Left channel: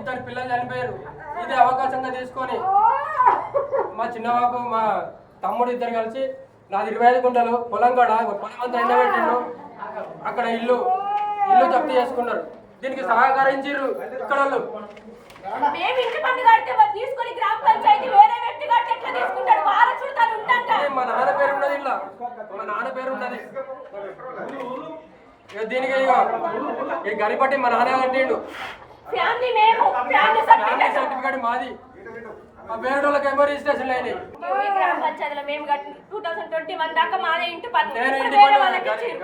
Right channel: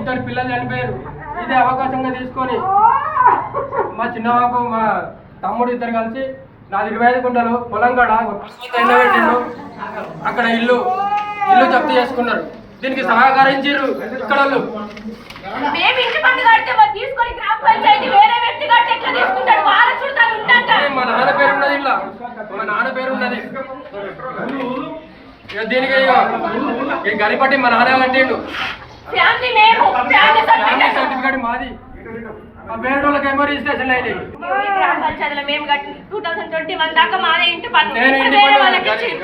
ఇద్దరు పిల్లలు చనిపోయారు. ఇదే అవకాశంగా తీసుకొని మా చిన్నబాబు మా తమ్ముడు ఇద్దరు కలిసి నాది 25 గుంటలు పొలం కాడ ఎండబెట్టిండు. అక్కడ ఇల్లు జప్తు చేసుకున్నారు. దీనికి సహకరించారు ఇక్కడ వాళ్ళు. మా నాన్న పేరు ఉన్నది ఇలా, మా నాన్న పేరు ఉన్నది. దీనికి గరిపట్టి మా నాన్న కట్టిండు. సర్టిఫికేట్ మాది. వేరే వాళ్ళకి ఏమో రిజిస్ట్రేషన్ అయినాయి.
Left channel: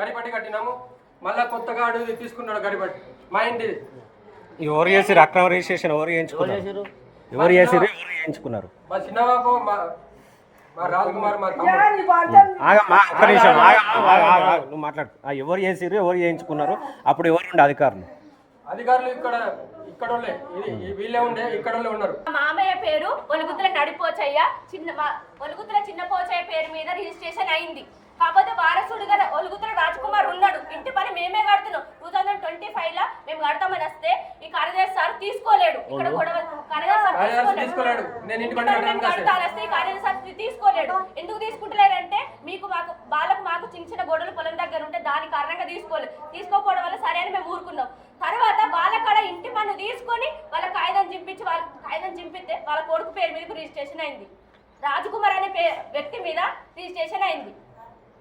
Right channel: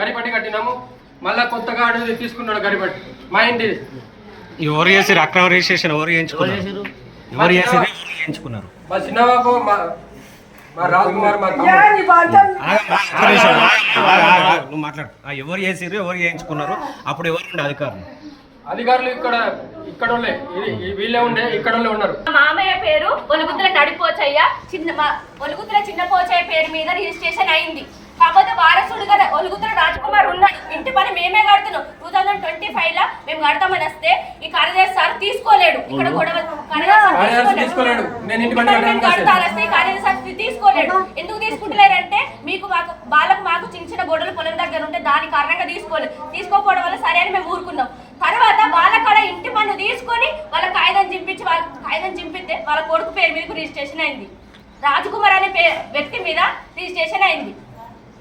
గరిపట్టి కట్టినాము. మళ్ళా కొత్తగా అడుగు తీసుకున్నాడు గరిపట్టి మా ఇంటి. ఎవరు చేసారు అక్రమ రిజిస్ట్రేషన్? ఎవరు చేయించుకున్నారు? మా చిన్నబాబు మా రాజ్కుమార్ మా నువ్వు మాట్లాడు. ఎవరు చేసారు, ఎవరు చేయించుకున్నారు? అప్పుడు ఎవరు ఉండే అధికారులు ఇక్కడ వీళ్ళే ఉండే, ఇక్కడ ఉన్నారు. మామయ్య పేరు ఒలుగుతుల నడిపోచయ్య, ఒలుగుతుల చిన్న పోచయ్య పేరు మీద రిజిస్ట్రేషన్ అయింది. కాకపోతే వారసుడుగా ఒలుగుతుల రాజ్కుమార్ ఉన్నాడు. ఇంటి పని మేమే కడుతున్నాం. 2025 లో మేము కడతామని వస్తే ఈ కార్యదర్శి సార్ తీసుకోలేడు. ఇక్కడ గొడవ తీసుకోలేడు. ఎందుకు తీసుకుంటలేరంటే మాకు చిన్న గొడవలు పొలం దగ్గర ఉంటే దాని కారణంగా తీసుకోకపోవడం వల్ల సరే అని మేము ఊరుకున్నాం. తర్వాత వాళ్ళ కాడ ఇంటి పన్ను తీసుకొని వాళ్ళ కాగితం చింపితే వాళ్ళ కొడుకు పేరు మీద రిజిస్ట్రేషన్ అయింది. రాజ్కుమార్ అనే వ్యక్తి మీద రిజిస్ట్రేషన్ అయింది.